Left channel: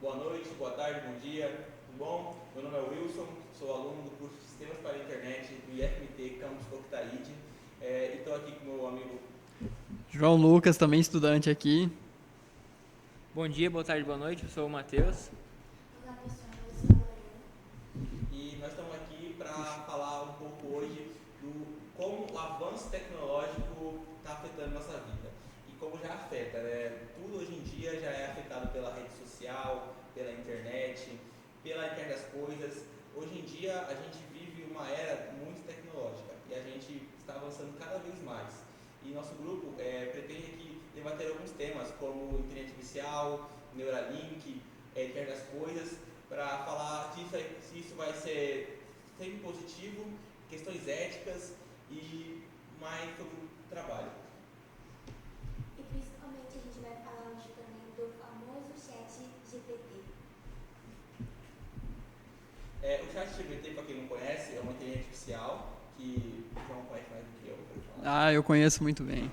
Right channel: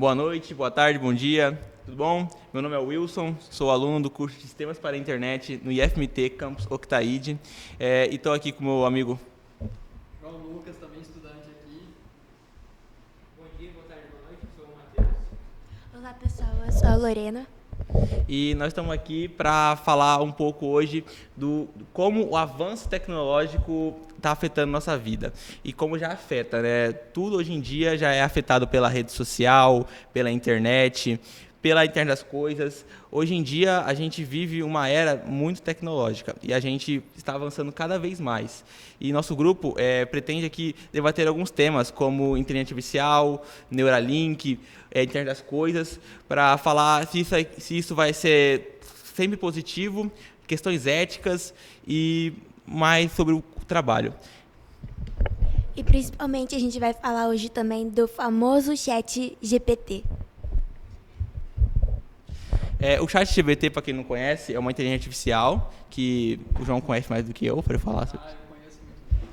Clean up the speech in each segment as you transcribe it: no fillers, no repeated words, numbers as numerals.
Boa noite, boa tarde, bom dia, tudo bom? Meu nome é Wilson, sou aluno do curso de Sistemas para a Internet no IFMT Campus Octaíde e estou aqui com o meu amigo João Lucas, também estudante aqui. Bom dia, boa tarde, boa noite, eu sou o Matheus. Olá pessoal, eu sou a Lorena. E nós estamos aqui para falar um pouco hoje do como o avanço tecnológico está afetando nossa vida e como já afeta, né? Tudo hoje em dia já é afetado pela rede social, pela internet das coisas. Hoje em dia a gente vive uma era muito tecnológica e a gente está avançando cada vez mais. E nosso grupo pretende aqui debater alguns temas como inteligência artificial, Neuralink, internet das coisas, para falar se isso vai ser sempre positivo, questões éticas e mais sobre o trabalho. E principalmente a gente vai falar hoje também do famoso chat GPT. O ChatGPT, para quem não conhece, é uma inteligência artificial que o João conhece mais do que eu, para falar. Ah, eu conheço muito bem.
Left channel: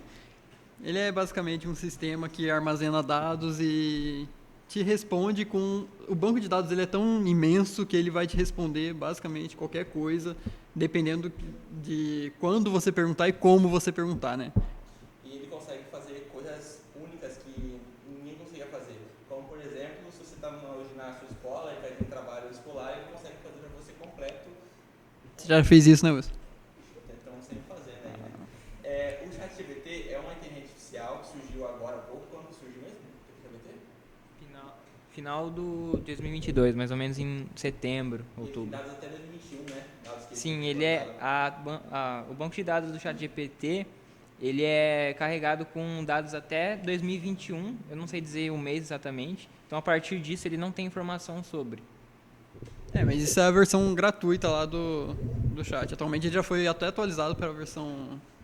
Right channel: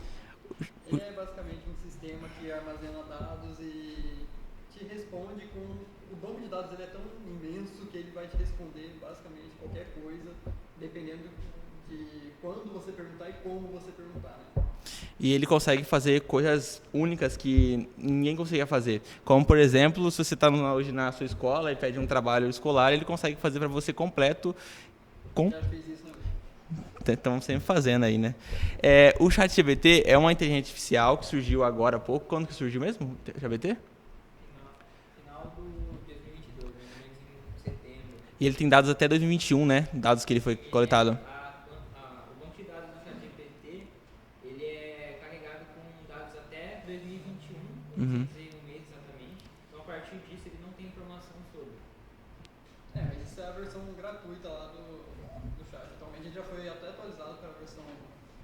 Ele é basicamente um sistema que armazena dados e te responde com... O banco de dados ele é tão imenso que ele vai te responder basicamente qualquer coisa, dependendo de quando você perguntar e como você perguntar, né? E ele consegue fazer coisas únicas que ninguém conseguia fazer. Como, por exemplo, se você está hoje na sua escola e pede um trabalho escolar, ele consegue fazer para você completo. Você já fez isso, né, Wilson? Estamos sempre fazendo aí, né? O ChatGPT é uma inteligência artificial que surgiu agora há pouco. Quando que surgiu mesmo o ChatGPT? Final do 2022, mais ou menos em setembro. E ele tem dados até 2021, né? Dados que ele foi coletado. O banco de dados do ChatGPT, ele é carregado com dados até 2021. Eu não sei dizer o mês exatamente. Então, a partir disso, ele não tem informação sobre. Mas isso é a versão gratuita lá do chat. Atualmente ele já foi até atualizado para a versão,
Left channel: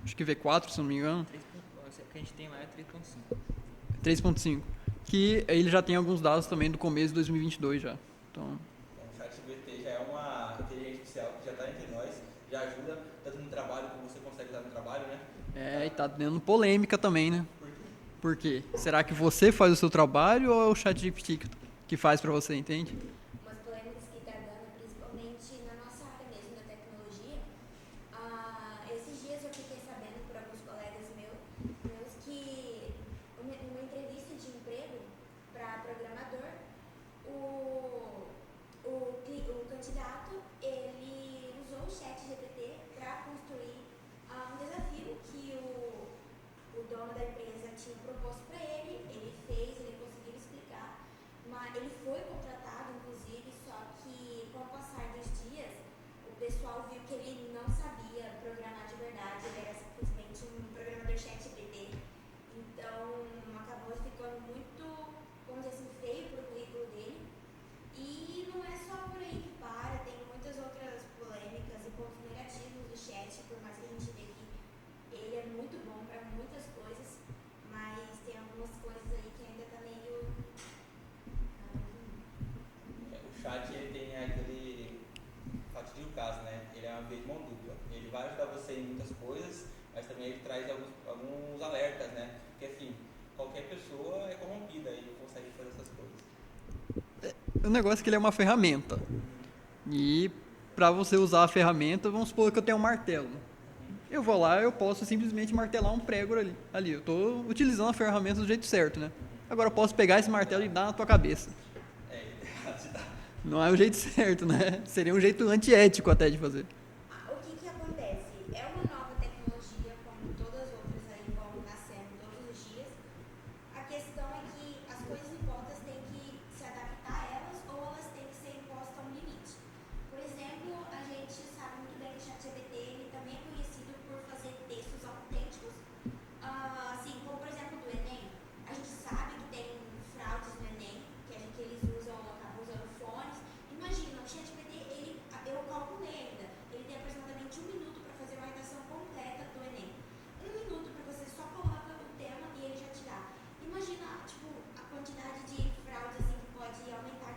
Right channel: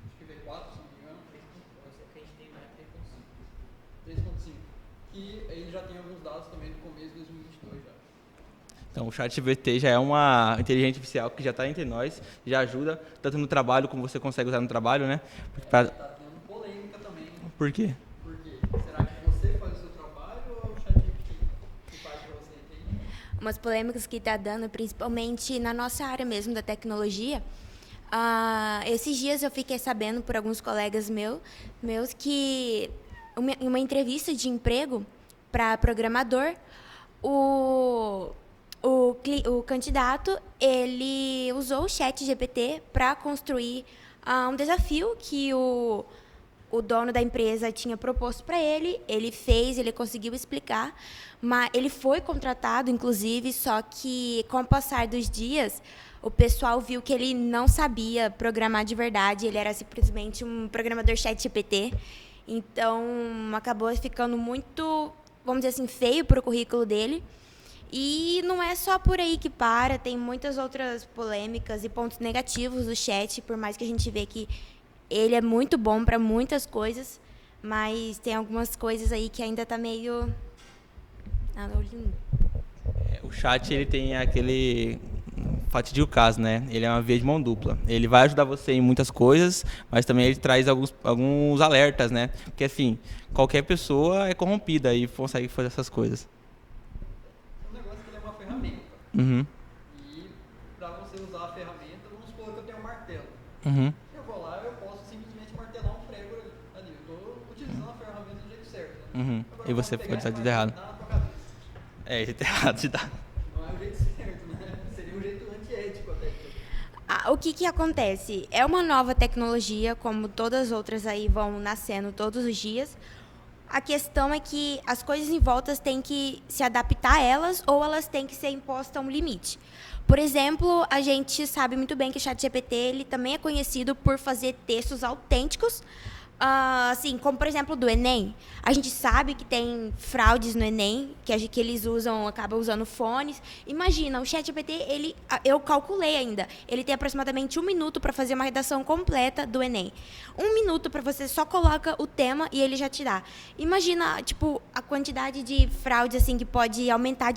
acho que V4, se não me engano. O que a gente tem lá é 3.5. Que ele já tem alguns dados também do começo de 2022 já. Então o ChatGPT já é uma inteligência artificial que já está entre nós, já ajuda tanto no trabalho como você consegue usar no trabalho, né? E tá dando polêmica também, né? Por quê? Por quê? Será que você faz o seu trabalho ou é o ChatGPT que faz para você, entende? Umas polêmicas que está dando, principalmente na nossa área mesmo da tecnologia. Esses dias eu fiquei sabendo por alguns colegas meus que em uma entrevista de emprego para programador, o candidato ele usou o chat GPT para construir um desafio que o dono da empresa tinha proposto para ele. Ele fez, ele conseguiu explicar, mas ele foi contratado, inclusive, só que com o passar dos dias, o pessoal viu que ele não sabia programar de verdade, ele era simplesmente um programador chat GPT. Então, acabou ficando muito, vamos dizer assim, feio para o currículo dele. E não é só por aí que para, tem muitas outras polêmicas e pontos negativos do chat, por mais que a gente vê que ele é muito bom para muitas coisas, mas tem algumas coisas aí que ainda tá meio... O chat, ele tem aquele fatídico caso, né? Ele é uma via de mão dupla. Ele vai ajudar você em muitas coisas, mas também ele traz alguns alertas, né? Porque, assim, qualquer pessoa é corrompida e consegue fazer essas coisas. O negócio é que ele é uma ferramenta. Uhum. E para você usar a ferramenta, vamos supor que eu tenho um martelo. Uhum. Eu vou lá, eu posso simplesmente martelar um prego ali. Eu estou utilizando a ferramenta do jeito certo, né? Uhum. Agora E eu posso você pegar tá esse tudo martelo errado. e dar na tua cabeça. Jeito errado de dar. Não é o jeito certo, né? Seria um jeito antiético até de fazer. O que acontece? É uma nova tecnologia, como todas as outras aí vão nascendo todos os dias. A questão é que as coisas em volta têm que se adaptar a elas ou elas têm que ser impostas a um limite. Por exemplo, a gente sabe muito bem que o ChatGPT ele também é conhecido por fazer textos autênticos, assim, como por exemplo do Enem. A gente sabe que tem fraudes no Enem, que eles acabam usando fones. Imagina, o ChatGPT, eu calculei ainda, ele tem aproximadamente 1 minuto para fazer uma redação completa do Enem. 1 minuto para você só coloca o tema e ele já te dá. Imagina, tipo, a quantidade de fraude assim que pode aumentar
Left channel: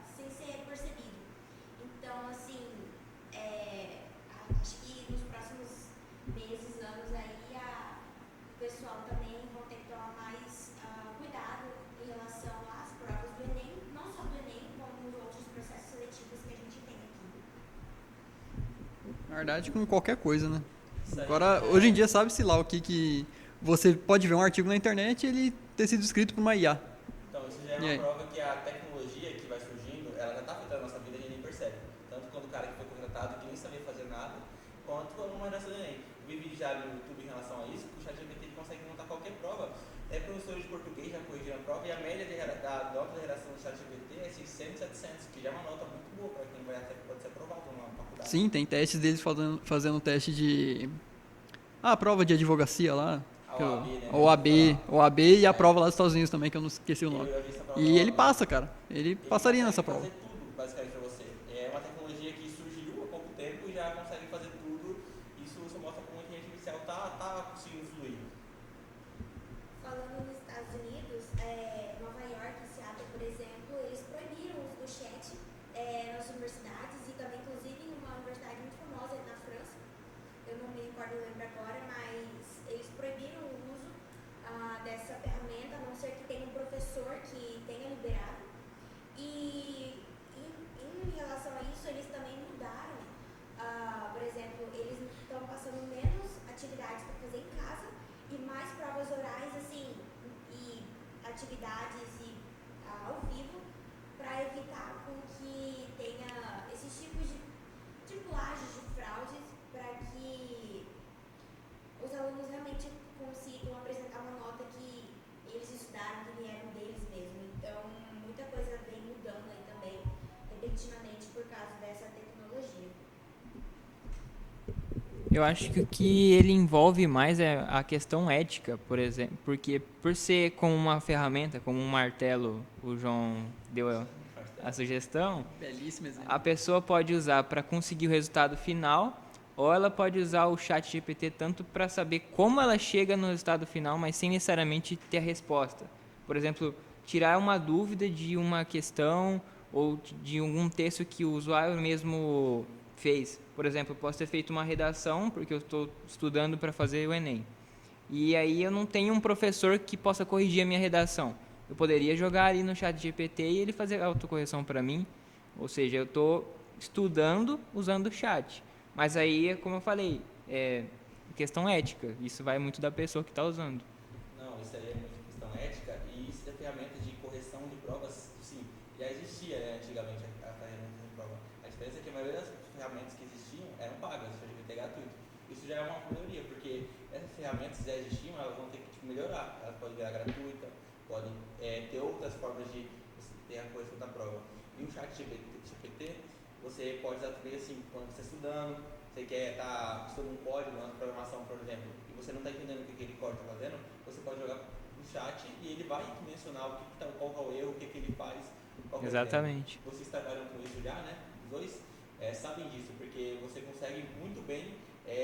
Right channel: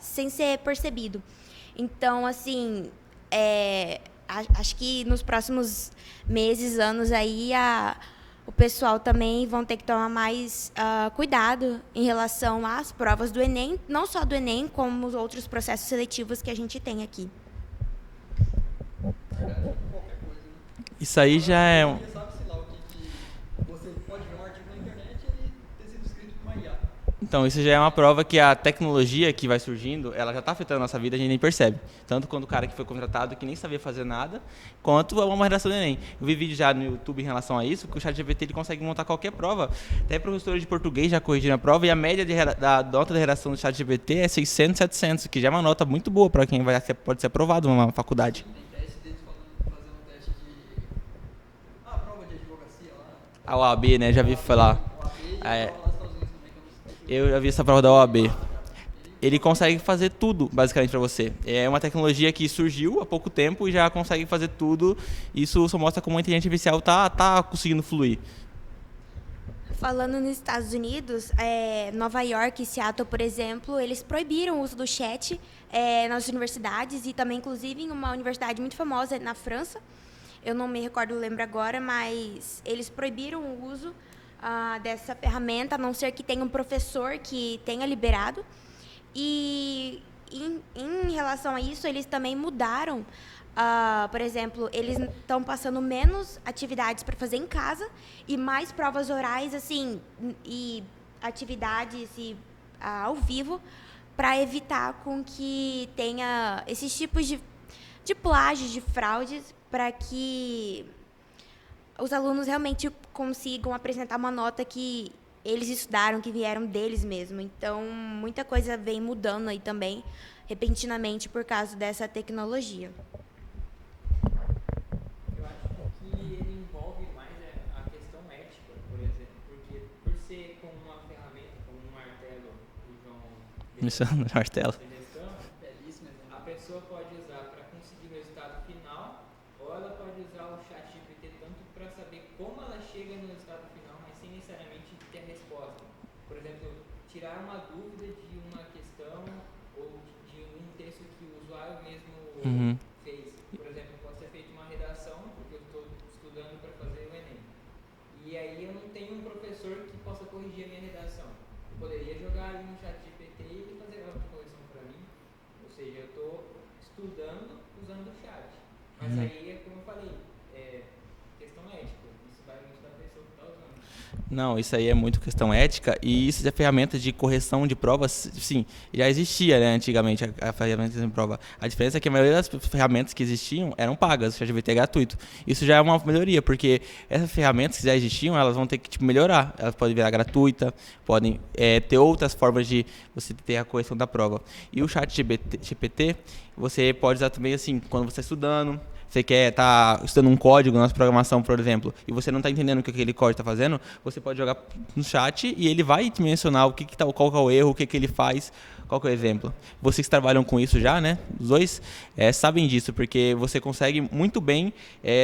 sem ser percebido. Então, assim, acho que nos próximos meses, anos aí, o pessoal também vão ter que tomar mais cuidado em relação às provas do Enem, não só do Enem, como os outros processos seletivos que a gente tem aqui. Na verdade, com qualquer coisa, né? Isso aí Agora, já é... Hoje em dia, sabe-se lá o que você pode ver um artigo na internet e ele ter sido escrito por uma IA. Então, isso já é uma É. prova que a tecnologia que vai surgindo, ela já está afetando a nossa vida, a gente nem percebe. Tanto quando o cara que foi contratado, que nem sabia fazer nada, quanto uma redação do Enem. Eu vi vídeo já no YouTube em relação a isso, que o ChatGPT ele consegue montar qualquer prova. Até professores de português já corrigiram a prova, e a média da nota de redação do ChatGPT é 600, 700, que já é uma nota muito boa para quem pode ser aprovado numa faculdade. Sim, tem testes deles fazendo teste de... a prova de advocacia lá. A OAB, né? Já vi falar. OAB e a Ah, é. prova lá dos Estados Unidos também, que eu não esqueci o nome. Eu já vi essa prova da E OAB. ele passa, cara. Ele passaria consegue nessa fazer tudo, basicamente, para você. É uma tecnologia que surgiu há pouco tempo e já consegue fazer tudo. Isso só mostra como a inteligência artificial tá conseguindo fluir. Falando nos Estados Unidos, Nova York e Seattle, por exemplo, eles proibiram o uso do chat nas universidades e também, inclusive, em uma universidade muito famosa na França. Eu não me lembro agora, mas eles proibiram o uso dessa ferramenta, a não ser que tenha um professor que tenha liberado. E em relação a isso, eles também mudaram. Por exemplo, eles estão passando menos atividades para fazer em casa e mais provas orais, assim, e atividades ao vivo, para evitar com que tenha esses tipos de plágios, de fraudes, para que os alunos realmente consigam apresentar uma nota que eles estudaram, que vieram deles mesmo. Então, muita coisa vem mudando aí também, repentinamente, por causa dessa tecnologia. Eu acho que o que ele envolve mais é a questão ética, por exemplo, porque por ser como uma ferramenta, como um martelo, o João deu a sugestão, Belíssimo exemplo. a pessoa pode usar para conseguir o resultado final, ou ela pode usar o ChatGPT tanto para saber como ela chega no resultado final, mas sem necessariamente ter a resposta. Por exemplo, tirar uma dúvida de uma questão ou de algum texto que o usuário mesmo fez. Por exemplo, eu posso ter feito uma redação, porque eu estou estudando para fazer o Enem. E aí eu não tenho um professor que possa corrigir a minha redação. Eu poderia jogar ali no ChatGPT e ele fazer a autocorreção para mim. Ou seja, eu estou estudando usando o chat. Mas aí, como eu falei, questão ética. Isso vai muito da pessoa que está usando. Não, isso aí é muito questão ética, e isso de ferramentas de correção de provas, sim, já existia, né, antigamente, a ferramenta de prova. A diferença é que a maioria das ferramentas que existiam eram pagas, o ChatGPT é gratuito. Isso já é uma melhoria, porque essas ferramentas que já existiam, elas vão ter que melhorar. Elas podem virar gratuita, podem ter outras formas de você ter a correção da prova. E o ChatGPT, você pode usar também, assim, quando você está estudando, você quer estar estudando um código na nossa programação, por exemplo, e você não está entendendo o que aquele código está fazendo, você pode jogar no chat e ele vai te mencionar qual que é o erro, o que ele faz, qual que é o exemplo. Vocês que trabalham com isso já, né? Os dois sabem disso, porque você consegue muito bem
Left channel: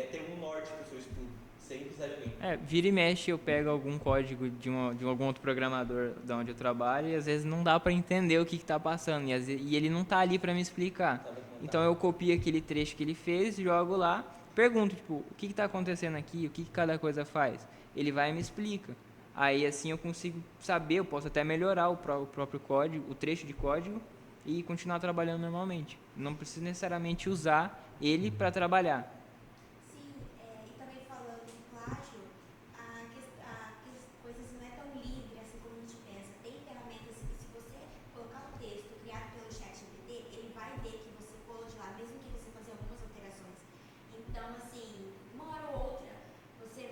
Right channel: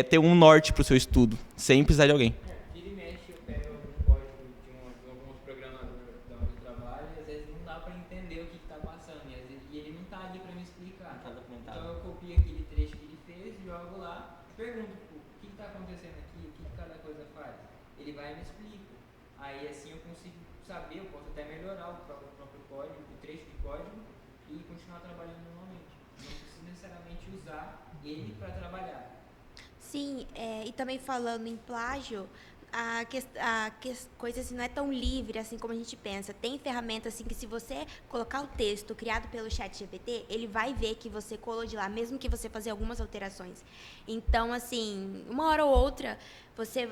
ter um norte para o seu estudo, sem precisar de alguém. Vira e mexe, eu pego algum código de algum outro programador da onde eu trabalho e às vezes não dá para entender o que está passando e ele não está ali para me explicar. Então eu copio aquele trecho que ele fez, jogo lá, pergunto, tipo, o que está acontecendo aqui, o que cada coisa faz. Ele vai e me explica. Aí assim eu consigo saber, eu posso até melhorar o próprio código, o trecho de código e continuar trabalhando normalmente. Não preciso necessariamente usar ele para trabalhar. Sim, e também falando em plágio, a coisa assim, não é tão livre assim como a gente pensa. Tem ferramentas assim que se você colocar o texto criado pelo ChatGPT, ele vai ver que você colou de lá, mesmo que você fazer algumas alterações. Então, assim, uma hora ou outra, você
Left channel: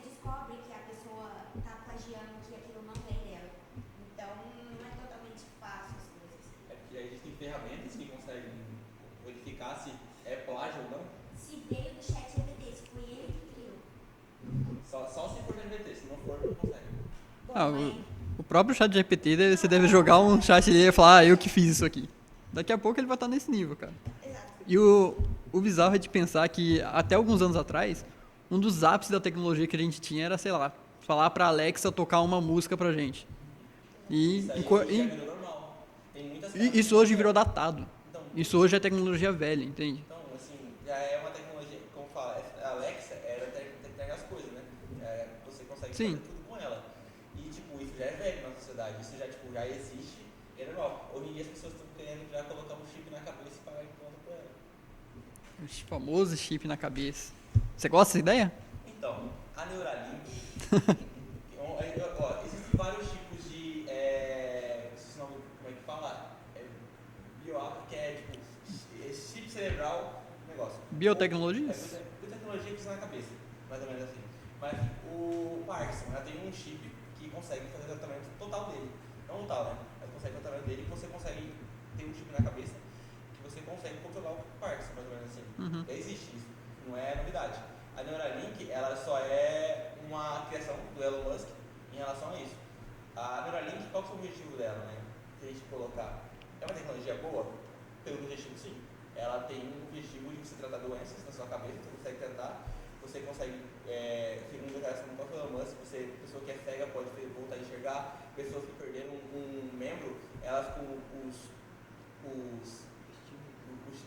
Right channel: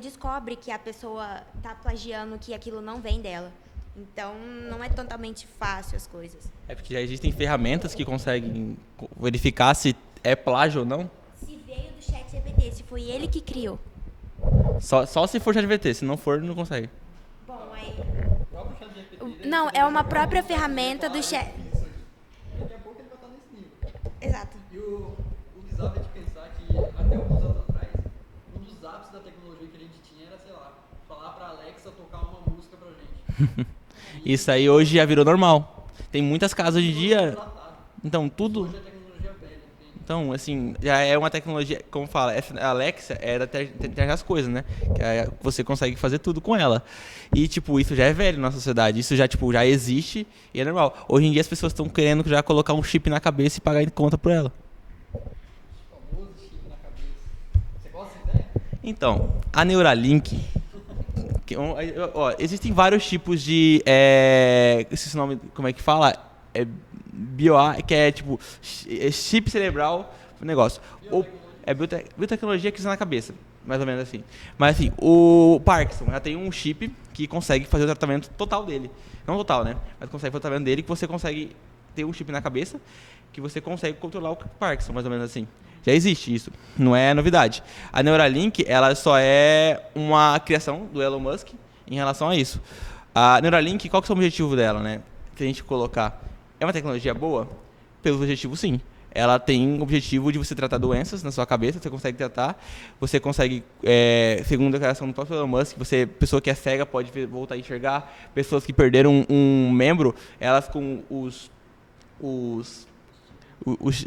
descobre que a pessoa está plagiando, que aquilo não vem dela. Então, não é totalmente fácil as coisas. É porque já existem ferramentas que conseguem verificar se é plágio ou não. Se veio do ChatGPT, se foi ele que criou. Só se for ChatGPT, se não for, não consegue. O próprio ChatGPT, Não, você é deve uma jogar um própria chat e ferramenta falar, do eu chat. que fiz isso aqui. Daqui a pouco ele vai estar nesse nível, cara. Exato. E o bizarro é de pensar que até alguns anos atrás, um dos ápices da tecnologia que a gente tinha era, sei lá, falar pra Alexa tocar uma música pra gente. Isso aí hoje já virou normal. Tem muitas casas hoje Isso em hoje virou dia... datado. Então, Isso tudo... hoje é tecnologia velha, entende? Então, assim, já é uma tecnologia, como fala, a Alexa é da internet das coisas, né? Que você consegue fazer tudo com ela. E, tipo, isso já é velho na sociedade. Isso já, tipo, já existe e é normal. Hoje em dia as pessoas estão querendo já colocar um chip na cabeça e pagar em conta por ela. O famoso chip na cabeça. Você gosta dessa ideia? Então, a Neuralink... existem vários tipos de... esse nome, como é que fala? Que é, tipo, chip cerebral, negócio. Biotecnologia? Biotecnologia que usa na cabeça, mais ou menos assim. Mas, assim, o Parkinson já tem um chip que consegue fazer o tratamento total dele. Não total, né? Mas consegue fazer o tratamento dele, que você consegue ter um chip na cabeça que você consegue controlar o Parkinson, mais ou menos assim. Já existe isso, não é novidade. A Neuralink, ela só é uma criação do Elon Musk em relação a isso. A Neuralink, qual que é o objetivo dela, né? Se a gente colocar, é uma tecnologia boa? Pelo objetivo, sim. Ela tem o objetivo de você tratar doenças na sua cabeça, você consegue tratar, você consegue, segundo a declaração do próprio Elon Musk, pessoa que é cega pode voltar a enxergar, pessoas que perderam um membro, elas com os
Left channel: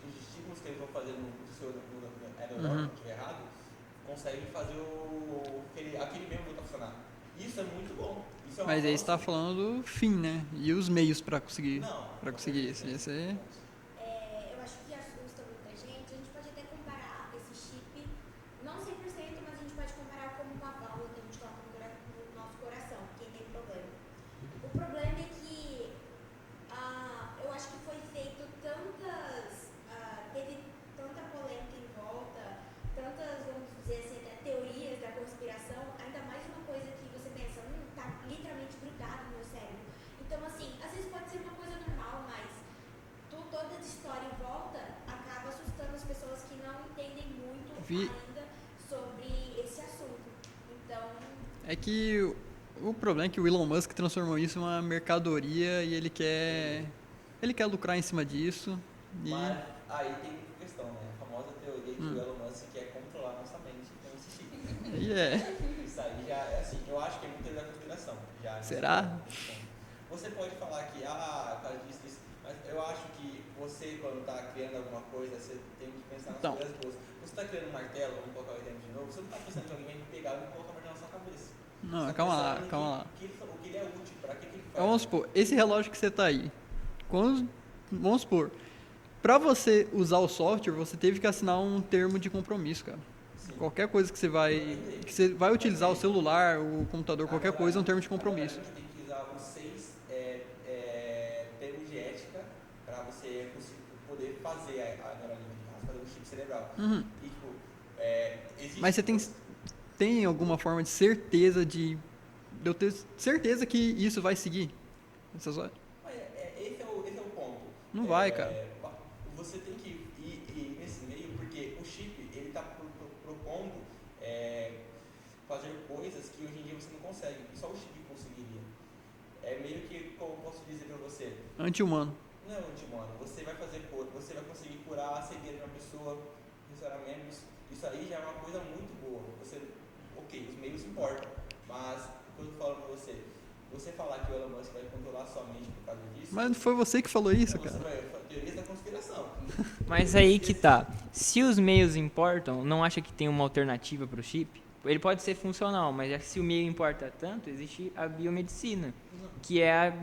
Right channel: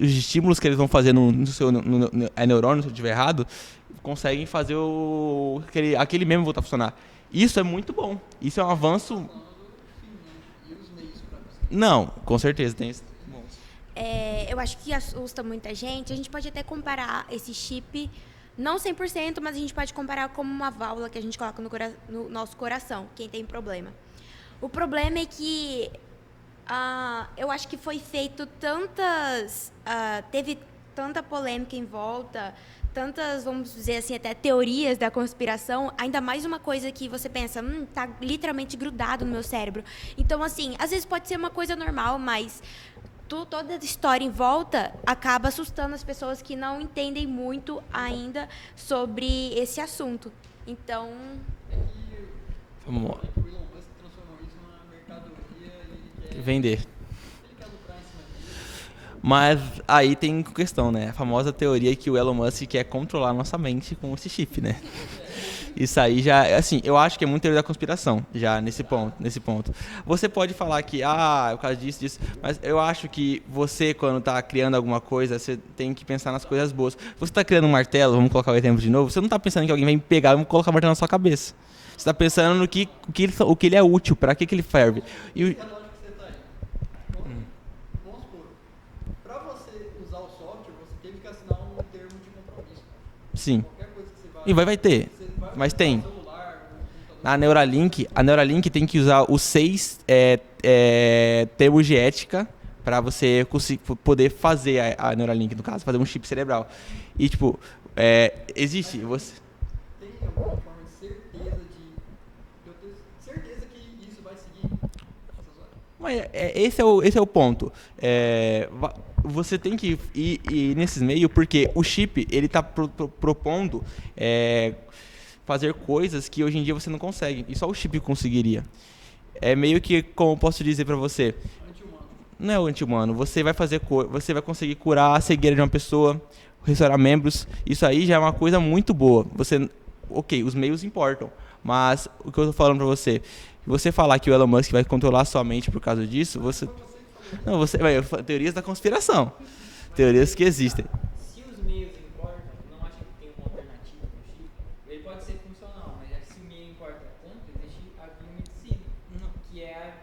estímulos que eles vão fazer no seu neurônio, se eu estiver errado, conseguem fazer aquele membro voltar a funcionar. Isso é muito bom. Isso é um avanço. Mas você está falando do fim, né? E os meios para conseguir Não, isso. com certeza tem. Eu acho que assusta muita gente. A gente pode até comparar esse chip, não 100%, mas a gente pode comparar como uma válvula que a gente coloca no nosso coração, quem tem problema. O problema é que eu acho que foi feito teve tanta polêmica em volta, tantas, vamos dizer assim, até teorias da conspiração, ainda mais uma coisa que você pensa, tá literalmente grudado no meu cérebro. Então, assim, às vezes pode ser uma coisa normal, mas toda a história em volta acaba assustando as pessoas que não entendem muito ainda sobre esse assunto. Então... É que o problema é que o Elon Musk transformou isso em uma mercadoria e ele quer... Vender. Ele quer lucrar em cima disso. Mas aí tem questão, né? A famosa teoria que o Elon Musk quer controlar a nossa mente com esse chip, né? Isso aí já, assim, eu acho que é muito teoria da conspiração, já nesse ponto. Você pode falar que, por causa disso, mas eu acho que você, quando está criando alguma coisa, você tem que pensar nas coisas boas. Você está criando um martelo, vamos colocar o exemplo de novo, você não está pensando que alguém vai pegar e colocar o martelo na sua cabeça. Você está pensando no que ele é útil, para que ele serve. Vamos supor, esse relógio que você está aí, vamos supor, para você usar o software, você teve que assinar um termo de compromisso, cara. Sim. Qualquer coisa que você vai... E vai ter. Que você vai Mas utilizar tem. o celular, o computador... A Neuralink tem que usar os 6 termos de ética para você poder fazer a Neuralink, no caso, fazer um chip cerebral. E, tipo, existe... Mas tem alguma forma de certeza de eu ter certeza que isso vai seguir? Mas esse é o ponto. Não vai, Você tem que ir nesses meios porque o chip ele está propondo fazer coisas que hoje em dia você não consegue e só o chip conseguiria. É meio que, como eu posso dizer para você, anti-humano. Não é o anti-humano. Você vai conseguir curar a cegueira de uma pessoa, restaurar membros. Isso aí já é uma coisa muito boa. Os meios importam, mas o que eu estou falando para você, você falar que o Elon Musk vai controlar sua mente por causa disso... Mas foi você que falou isso. Não, teorias da conspiração. Mas teorias aí que existem. Se os meios importam, não acha que tem uma alternativa para o chip? Ele pode ser funcional, mas se o meio importa tanto, existe a biomedicina, que é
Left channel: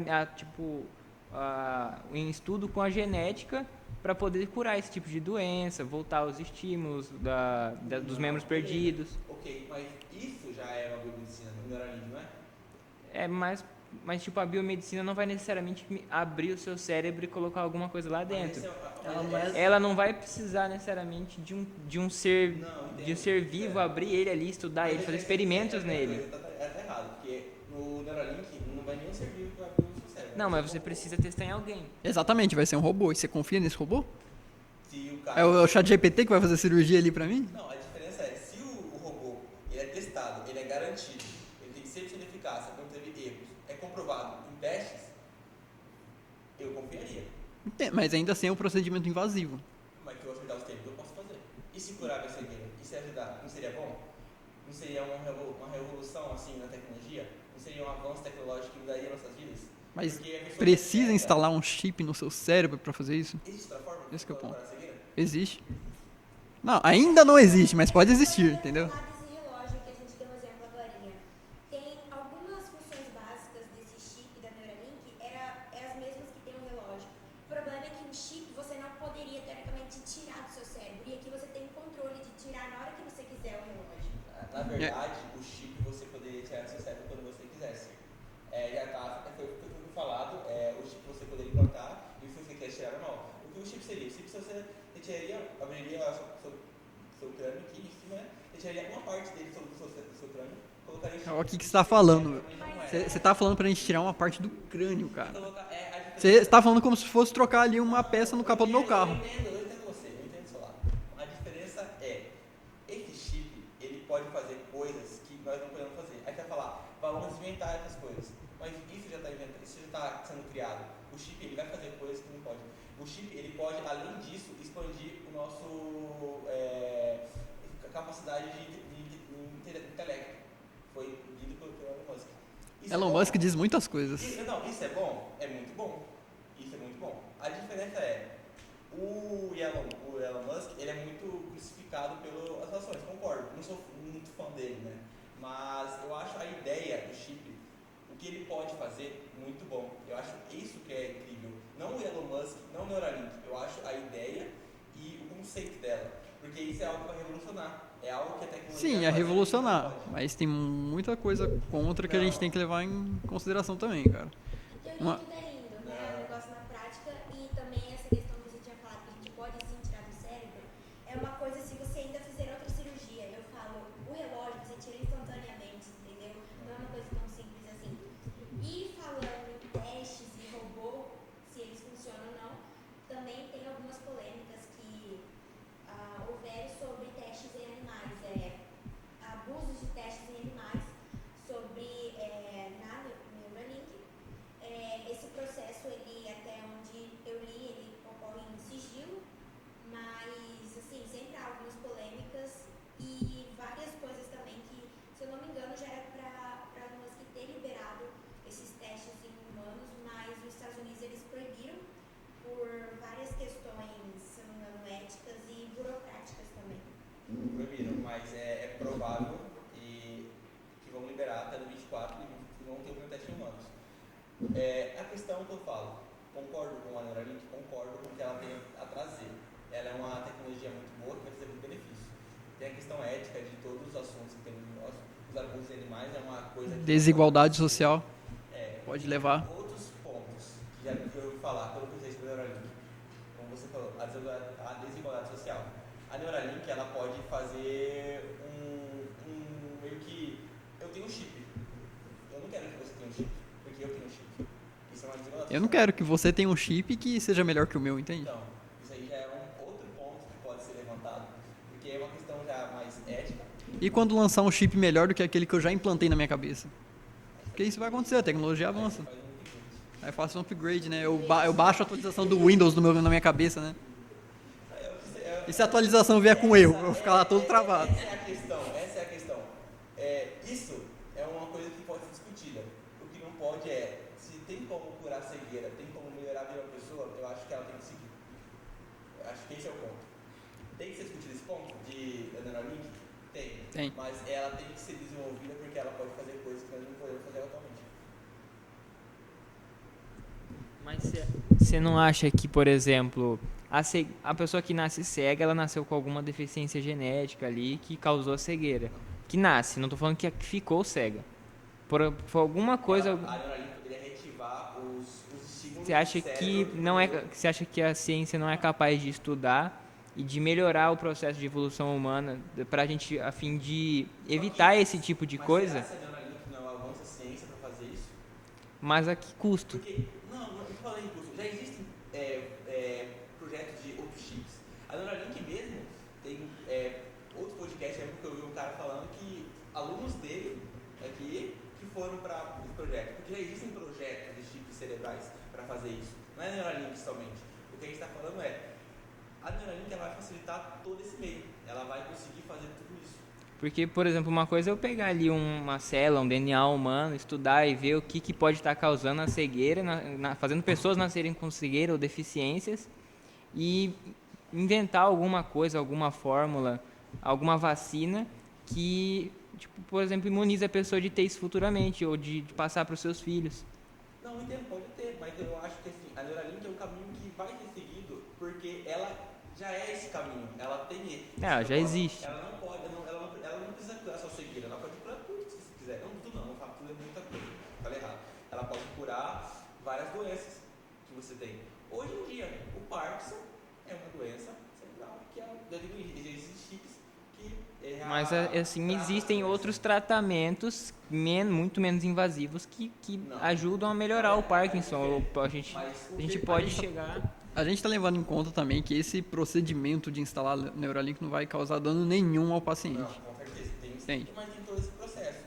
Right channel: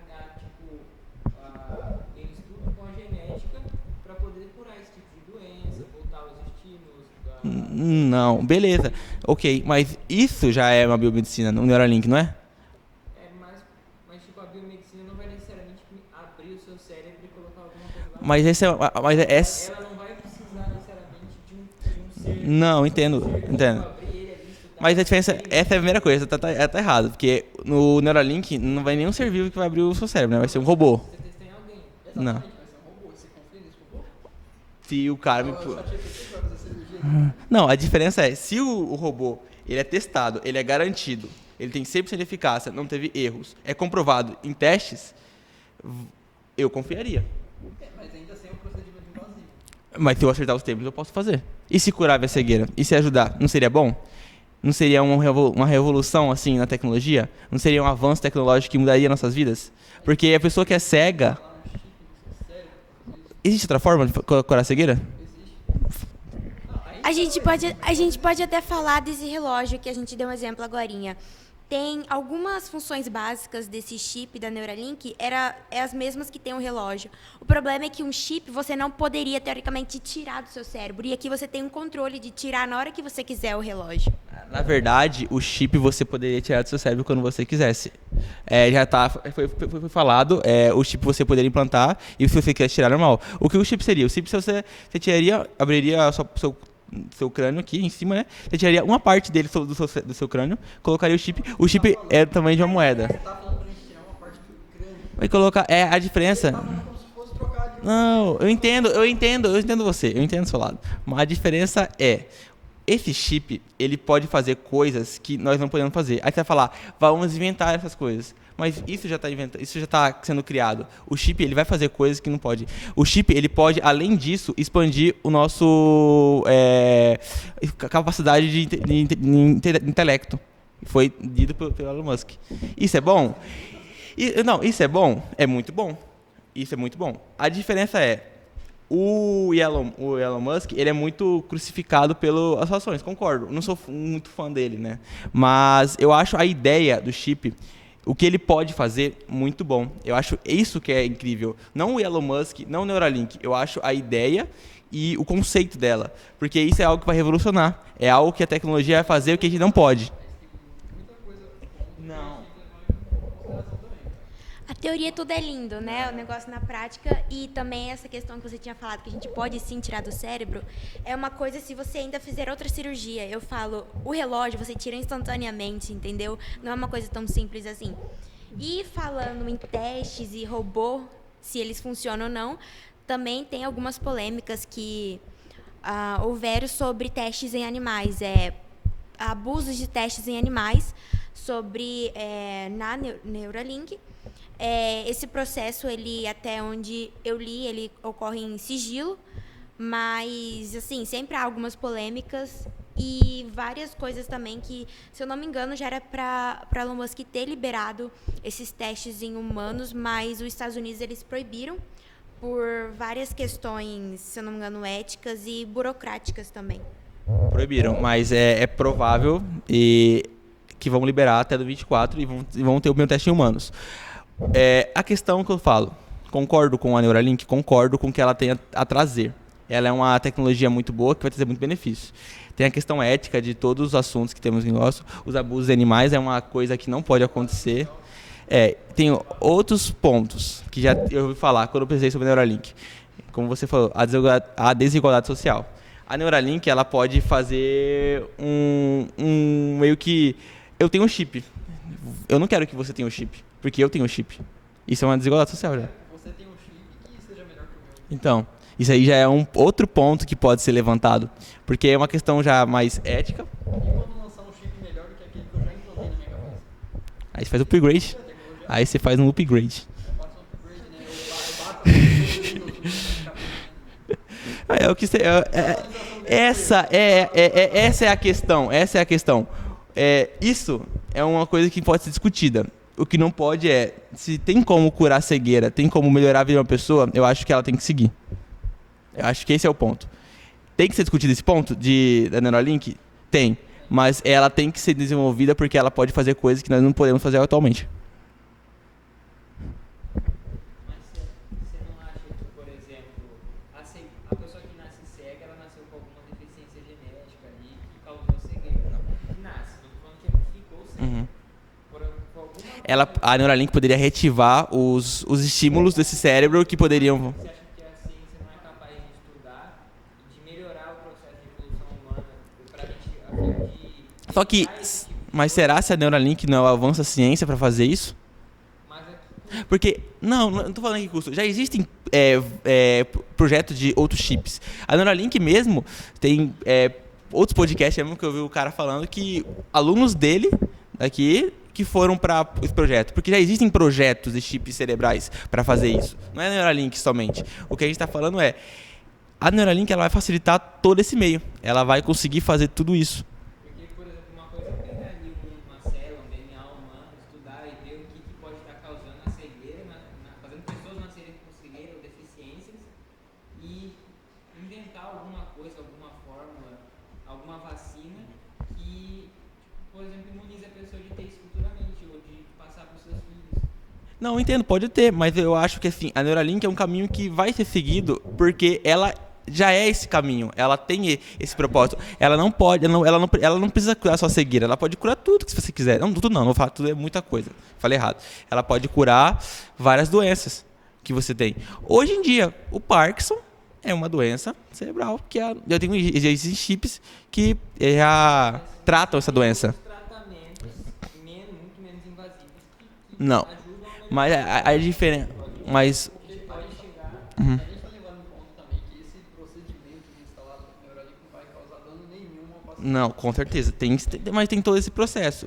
em estudo com a genética para poder curar esse tipo de doença, voltar aos estímulos Não, beleza. Ok, mas isso já é uma biomedicina, no Neuralink, não é? Mas tipo, a biomedicina não vai necessariamente abrir o seu cérebro e colocar alguma coisa lá mas dentro. Ela não vai precisar necessariamente de um ser... Não, entendo. Entendo. Abrir ele ali, estudar... Mas a diferença, essa é a primeira coisa, tá errado. Porque no Neuralink não vai nenhum ser vivo que vai abrir o seu cérebro, né? Vai ser um robô. Você precisa testar em alguém. Exatamente, vai ser um robô. E você confia nesse robô? Se o cara... É o ChatGPT que vai fazer cirurgia ali pra mim? Não, a diferença é, se o robô ele é testado, ele é garantido, ele tem 100% de eficácia, não teve erros, é comprovado em testes, eu confiaria. Mas ainda assim é um procedimento invasivo. Mas se eu acertar os termos, eu posso fazer. E se curar a cegueira? E se ajudar? Não seria bom? Não seria uma revolução, assim, na tecnologia? Não seria um avanço tecnológico que mudaria nossas vidas? Mas Porque a pessoa que é precisa cega... instalar um chip no seu cérebro para fazer isso? Existe outra forma de curar a cegueira? Existe. Não, ainda não existe, mas pode existir. A gente pode até entendeu? falar desse relógio que a gente deu um exemplo agorinha. Tem algumas funções básicas desse chip da Neuralink, é as mesmas que tem o relógio. O problema é que um chip você não poderia, teoricamente, tirar do seu cérebro. E aqui você tem um controle de tirar na hora que você quiser o relógio. Na verdade, o chip você poderia tirar do seu cérebro quando você quisesse. Foi falado, o chip você poderia implantar e se você quisesse tirar, normal. O que o chip seria? O chip você tiraria, abriria seu crânio aqui em cima, né? Você tiraria uma parte dele do seu crânio, colocaria o chip. O chip é do tamanho de uma moeda. Você tá falando pra gente tirar uma parte do crânio, cara. E colocar, a diferença... Você tá falando como se fosse trocar ali uma peça. Não, eu entendo você, eu entendo do seu lado. Mas a diferença é, esse chip, ele pode fazer coisas que nós não podemos fazer. Aí você vai falar, vamos inventar essas coisas. Mas isso já está sendo criado. O chip, ele vai fazer coisas que não pode. O chip, ele pode, além disso, expandir o nosso capacidade de intelecto. Foi dito pelo Elon Musk. Isso é bom? Elon Musk diz muitas coisas. Não, isso é bom? É muito bom. Isso é muito bom. A diferença é, o Elon Musk, ele é muito crucificado pelas ações, concordo. Não sou muito fã dele, né? Mas eu acho a ideia do chip, o que ele pode fazer, muito bom. Eu acho isso que é incrível. Não o Elon Musk, não o Neuralink. Eu acho a ideia e o conceito dela. Porque isso é algo que vai revolucionar. É algo que a tecnologia vai fazer o que a gente não pode. Mas tem muita coisa contra que a gente tem que levar em consideração também, cara. A teoria tudo é lindo, né? O negócio na prática e também essa questão que você tinha falado, que a gente pode sim tirar do cérebro, é uma coisa se você ainda fizer outra cirurgia. Eu falo, o relógio você tira instantaneamente, entendeu? Não é uma coisa tão simples assim. E falando em testes e robô, se eles funcionam ou não, também tem algumas polêmicas que houveram sobre testes em animais, abusos de testes em animais, sobre na Neuralink. Esse processo, ele, até onde eu li, ele ocorre em sigilo, mas, assim, sempre há algumas polêmicas e várias coisas também que, se eu não me engano, já era para Elon Musk ter liberado esses testes em humanos, mas os Estados Unidos, eles proibiram por várias questões, se eu não me engano, éticas e burocráticas também. Proibiram, mas é provável que vão liberar até do 24 e vão ter o meu teste em humanos. A questão que eu falo, concordo com a Neuralink, concordo com o que ela tem a trazer. Ela é uma tecnologia muito boa que vai trazer muito benefício. Tem a questão ética de todos os assuntos que temos em negócio. Os abusos de animais é uma coisa que não pode acontecer. Social. Tem levar. outros pontos que já eu ouvi falar quando eu pensei sobre a Neuralink. Como você falou, a desigualdade social. A Neuralink, ela pode fazer meio que... Eu tenho um chip. Eu não quero que você tenha um chip, porque eu tenho um chip. Isso é uma desigualdade social. Eu não quero que você tenha um chip que seja melhor que o meu, entende? Então, isso aí já é outro ponto que pode ser levantado, porque é uma questão já mais ética. E quando lançar um chip melhor do que aquele que eu já implantei na minha cabeça? Aí você faz um Isso vai upgrade. acontecer, a tecnologia Aí você faz um upgrade. Aí eu faço um upgrade, né? Eu baixo a atualização do Windows na minha cabeça, né? E se a atualização vier com erro? Essa é a questão. Isso é uma coisa que pode ser discutida. O que não pode se tem como curar a cegueira, tem como melhorar a vida de uma pessoa, eu acho que ela tem que seguir. Eu acho que esse é o ponto. Tem que ser discutido esse ponto da Neuralink? Tem. Mas ela tem que ser desenvolvida porque ela pode fazer coisas que nós não podemos fazer atualmente. Mas você não acha que, por exemplo, a pessoa que nasce cega, ela nasceu com alguma deficiência genética ali que causou a cegueira? Que nasce, não estou falando que ficou cega. Por alguma coisa... A Neuralink poderia reativar os estímulos desse cérebro que poderiam... Você acha que a ciência não é capaz de estudar e de melhorar o processo de evolução humana para a gente, a fim de evitar esse tipo de coisa? Mas será se a Neuralink não avança a ciência para fazer isso? Mas a que custo? Porque, não estou falando que custo. Já existem projetos de outros chips. A Neuralink mesmo tem outros podcasts mesmo que eu vi o cara falando que alunos dele aqui que foram para esse projeto. Porque já existem projetos de chips cerebrais para fazer isso. Não é a Neuralink somente. O que a gente está falando a Neuralink ela vai facilitar todo esse meio. Ela vai conseguir fazer tudo isso. Porque, por exemplo, uma coisa é eu pegar ali uma célula, um DNA humano, estudar e ver o que pode estar causando a cegueira, fazendo pessoas nascerem com cegueira ou deficiências, e inventar alguma coisa, alguma fórmula, alguma vacina que, tipo, por exemplo, imuniza a pessoa de ter isso futuramente, ou de passar para os seus filhos. Não, entendo, pode ter, mas eu acho que assim, a Neuralink é um caminho que vai ser seguido porque ela já é esse caminho, ela tem esse propósito. Ela não pode, ela não precisa curar só cegueira, ela pode curar tudo que você quiser. Não, tudo não vou falar tudo, é muita coisa. Falei errado. Ela pode curar várias doenças que você tem. Hoje em dia, o Parkinson é uma doença cerebral que já existem chips que já assim, tratam essa doença. Outros tratamentos muito menos invasivos que Não. ajudam a melhorar Mas o a Parkinson. diferença, A gente pode chegar... A gente está levando em conta também que esse procedimento de instalar Neuralink não vai causar dano nenhum ao paciente. Não, com certeza. Mas tem todo esse processo.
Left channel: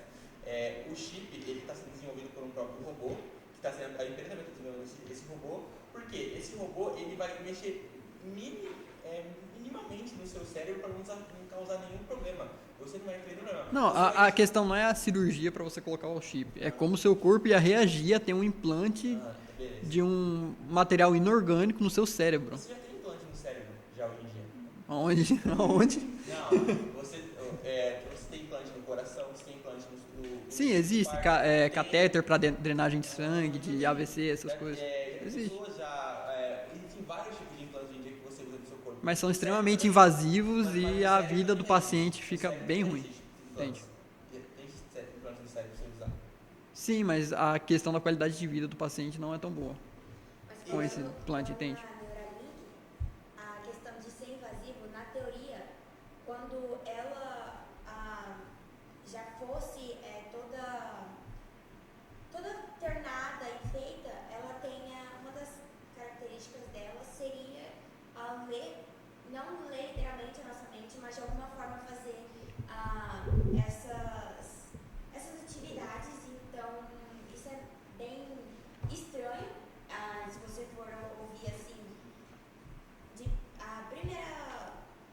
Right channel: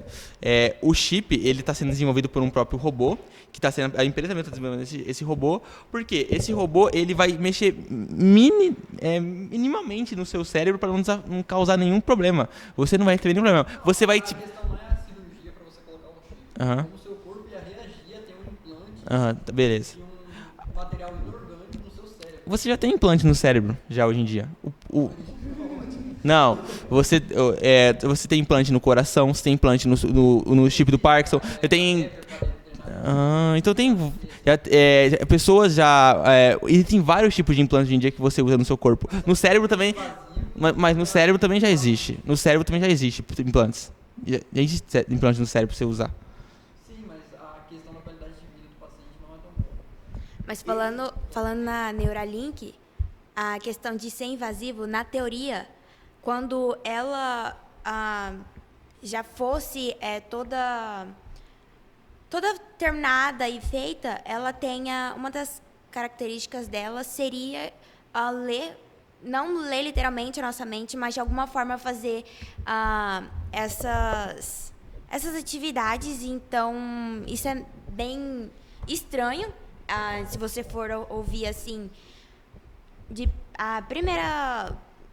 O chip, ele está sendo desenvolvido por um próprio robô, que está sendo, a empresa também está desenvolvendo esse robô, porque esse robô ele vai mexer minimamente no seu cérebro para não causar nenhum problema. Você não vai ter nenhum problema. Não, você a questão não é a cirurgia para você colocar o chip. É como o seu corpo ia reagir a ter um implante beleza. de um material inorgânico no seu cérebro. Você já tem implante no cérebro, já hoje em dia. Onde? Não, você tem implante no coração, você tem implante no chip do Parkinson. Tem catéter para drenagem de sangue. Então tem AVC, pessoas já existem vários tipos de implantes hoje em dia que você usa no seu corpo. Mas são No cérebro também, invasivos mas no e a cérebro vida também do já paciente existe. fica No cérebro também bem- já existe implantes. Já existe implantes no cérebro pra você usar. Sim, mas a questão da qualidade de vida do paciente não é tão boa. Mas Esse implante falando tem. na Neuralink, a questão de ser invasivo, na teoria, quando ela já fosse toda terminada e feita, ela tenha uma das características dela seria não ler literalmente a nossa mente, mas de alguma forma fazer essas atividades. Então, isso é bem estranho. Se você for ouvir assim,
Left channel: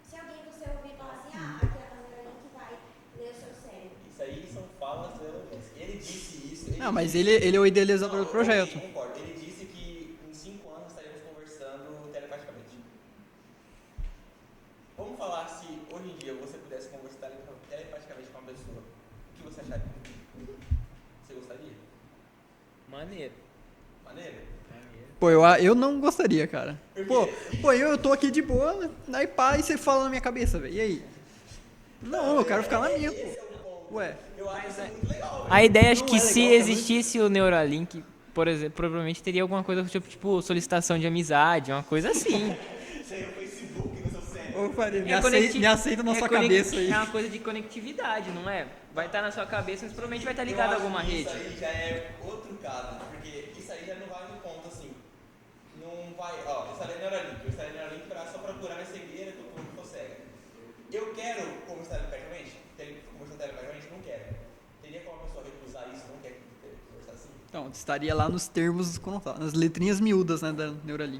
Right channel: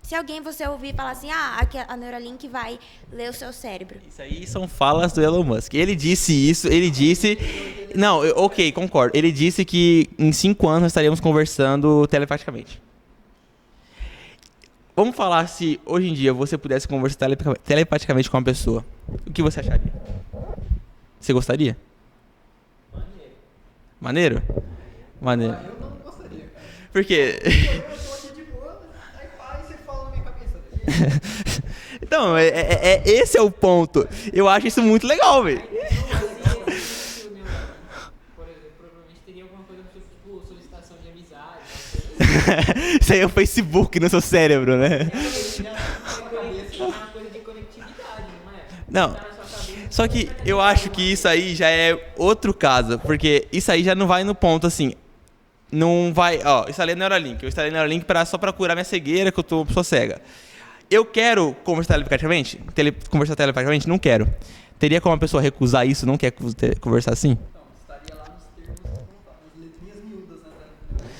se alguém você ouvir falar assim, a Neuralink vai ler o seu cérebro. Isso aí são falas do Elon Musk. Ele disse isso, Não, mas disse... ele é o idealizador Não, do projeto. ok, concordo. Ele disse que em 5 anos nós estaríamos conversando telepaticamente. Vamos falar se hoje em dia você pudesse conversar telepaticamente com uma pessoa. O que você acharia? Você gostaria? Maneiro? Pô, Maneiro. eu não gostaria, cara. Por quê? Pô, eu tô aqui de boa, daí pá, e você fala na minha cabeça, velho. E aí? Não, Pô, cara, tá lá esse é o ponto. Ué. Eu acho isso muito legal, velho. A ideia é que se existisse o Neuralink, por exemplo, provavelmente teria alguma coisa tipo solicitação de amizade, uma coisa assim. Isso aí é o Facebook no seu cérebro, né? Me aceita na sua cabeça. É uma coisa de conectividade, não é? Não. Tá na sua cabeça. Só como é que vai estar eu ligado acho alguma que isso rede? aí já é outro caso, porque isso aí já não vai no ponto assim. Não vai, eu instalei Neuralink. Eu instalei Neuralink só pra curar minha cegueira, que eu sou cega. Eu quero conversar telepaticamente? Não quero. Teria como uma pessoa recusar isso, não quer conversar assim? Então, estaria lá nos termos, nas letrinhas miúdas, né, da Neuralink.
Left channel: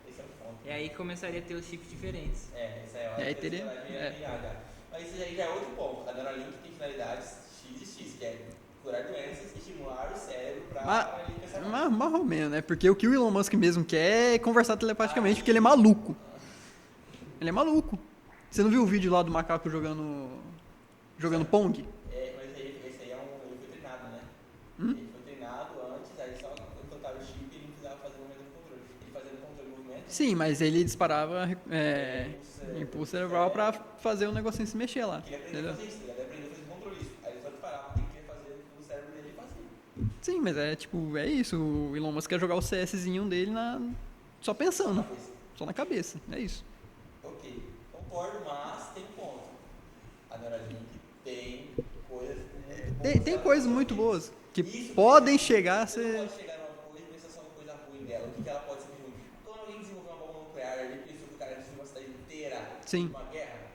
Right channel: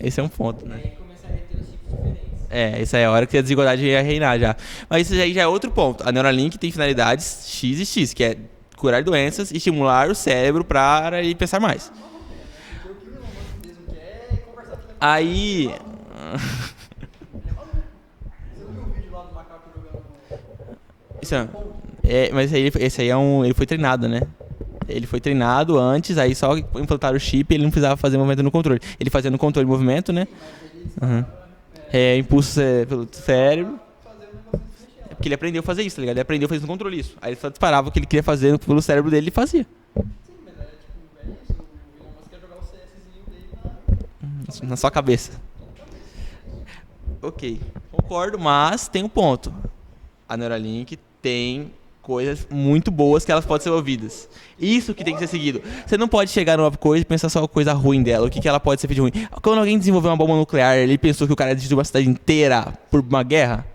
Esse é um ponto, E né? aí começaria a ter os chips diferentes. Essa é a hora que a desigualdade ia reinar já. Mas isso aí já é outro ponto. A Neuralink tem finalidades X e X, que é curar doenças e estimular o cérebro para ele pensar mais. Mais ou menos, né? Porque o que o Elon Musk mesmo quer é conversar telepaticamente, porque ele é maluco. Ele é maluco. Você não viu o vídeo lá do macaco jogando Pong? Mas esse aí ele foi treinado, né? Ele foi treinado antes, aí só implantaram o chip, ele não precisava fazer movimento no controle. Ele fazia no controle de movimento, né? Sim, mas ele disparava Impulso pelo cerebral cérebro. pra fazer o negocinho se mexer lá. Que ele aprendeu a fazer isso, tá ligado? Ele aprendeu a fazer no controle isso. Aí ele só disparava o que ele queria fazer pelo cérebro dele e fazia. Sim, mas é isso. O Elon Musk quer jogar o CSzinho dele só pensando. Na sua cabeça. Só na cabeça, é isso. Ok, concordo, mas tem um ponto. A Neuralink tem coisas muito boas que elas podem ser ouvidas. Isso que tem que ser seguido. Você não pode chegar numa coisa e pensar só a coisa ruim dela. O que ela pode ser de ruim. Quando alguém desenvolveu uma bomba nuclear, ele pensou que o cara destruiu uma cidade inteira por uma guerra.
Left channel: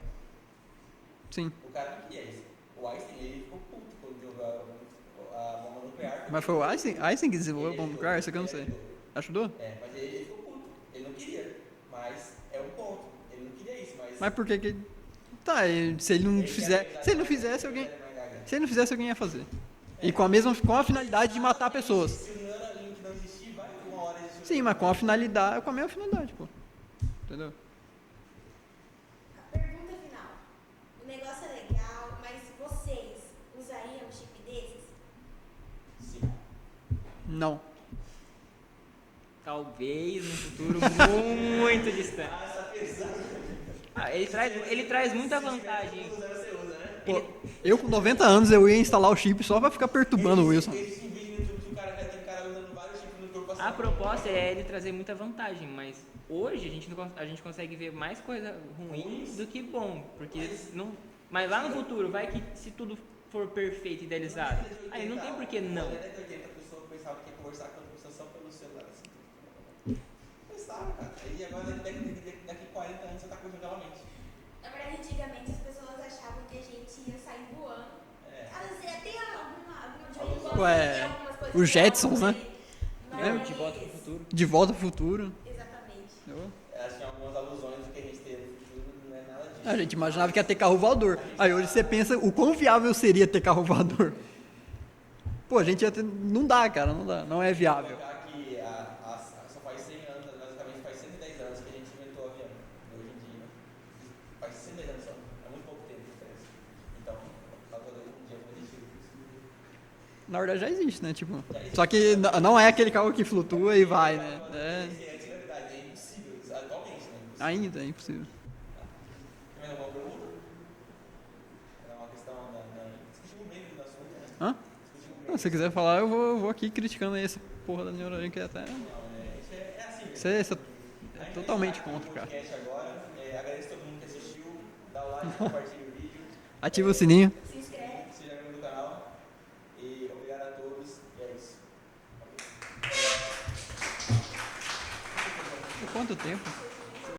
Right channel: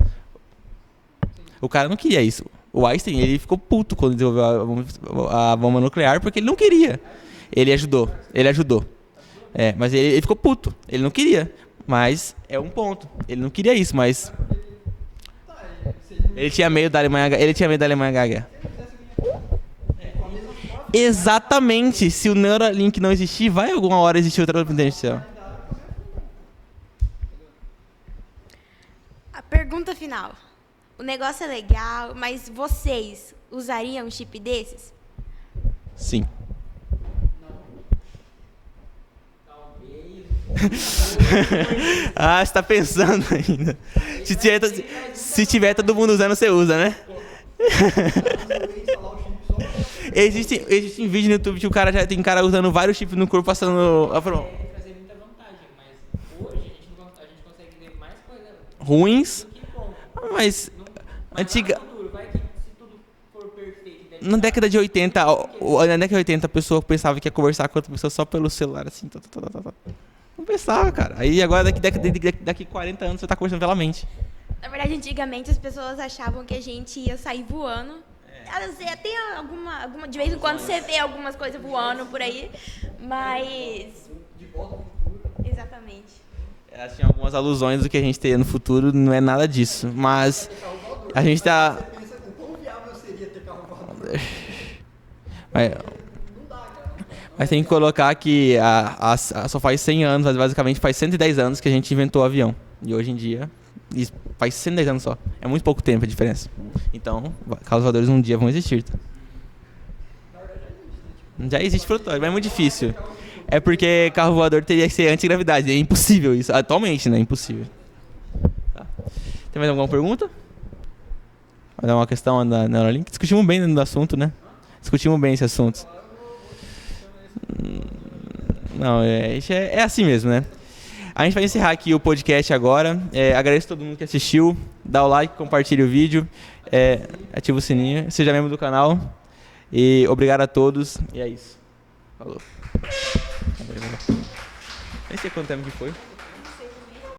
Sim. O cara não queria isso. O Einstein, ele ficou puto quando desenvolveu a bomba nuclear porque ele não queria. Einstein que desenvolveu Ele o ajudou. lugar, Ele ajudou. Ajudou? Mas ele ficou puto. Ele não queria. Mas é um ponto. Ele não queria isso, mas... Mas por que Tá, se ele não Ele tinha fizer- medo da se Alemanha, não ele fizesse, tinha medo da Alemanha Gaga. Se ele não fizesse, alguém ia fazer. E com a finalidade de matar Exatamente. pessoas. Se o Neuralink não existir, vai alguma hora existir outra Sim, mas com a providência. finalidade, com a mesma finalidade, pô. Entendeu? A pergunta final. O negócio é legal, mas vocês usariam um chip desses? Sim. Não. Talvez. Ah, você tá pensando ainda. Se tiver todo mundo usando, você usa, né? Eu, com 90 anos, eu ia instalar o chip só pra ficar perturbando o Wilson. Existe vídeo no YouTube que o cara já tem cara usando vários chips no corpo, passando... Nossa, é ele trazer muita vantagem, mas hoje a gente consegue ver mais coisa Ruins. do que bom. Mas Mas antiga- lá no futuro, vai que se tudo for perfeito e idealizado, na década de 80, aí não tem por que não na década de 80 a pessoa pensava que ia conversar com outra pessoa só pelo celular, assim. Não pensava, cara. Aí agora, daqui 40 anos, você tá conversando pela mente. Na verdade, antigamente as pessoas achavam que a gente ia sair voando. Você tem alguma de vez em quando Tipo, você tem algumas coisas os voando Jetsons, por né? aí. Mas. De volta ao futuro. Exatamente. Elas tinham algumas alusões do que a gente teria no futuro, não é nada A disso. gente imaginava Mas que ia ter carro voador. a gente Aí tá- você pensa o quão viável seria ter carro voador. Pô, a É. gente ia ter... Não dá, cara, não dá. Não mas é tem que viável. colocar que só faz 100 anos, mas basicamente faz 110 anos que a gente inventou o avião. E hoje em dia, isso faz 110 anos só. É muito pouco tempo a diferença. Então, carros voadores um dia vão existir. Na verdade já existe, né? Tipo, Já existe, só que flutua, é muito não é difícil. aquele carro que flutua É porque e vai, carro né? voador teria que ser antigravidade. É impossível isso. Atualmente, né? É impossível. Ainda, é impossível. Tem mais alguma pergunta? Vai dar uma questão da Neuralink? Discutimos bem do assunto, né? Hã? Discutimos bem esse Se quiser assunto. falar, eu vou aqui criticando essa porra da Neuralink até. Não, é assim mesmo, né? Essa- A gente vai encerrar aqui o podcast agora. Agradeço a todo mundo que assistiu. Dá o like, compartilha o vídeo. Ativa o sininho. Ativa o sininho. Seja membro do canal. E obrigado a todos. E é isso. Falou. Nem sei quanto tempo que foi. Quanto tempo?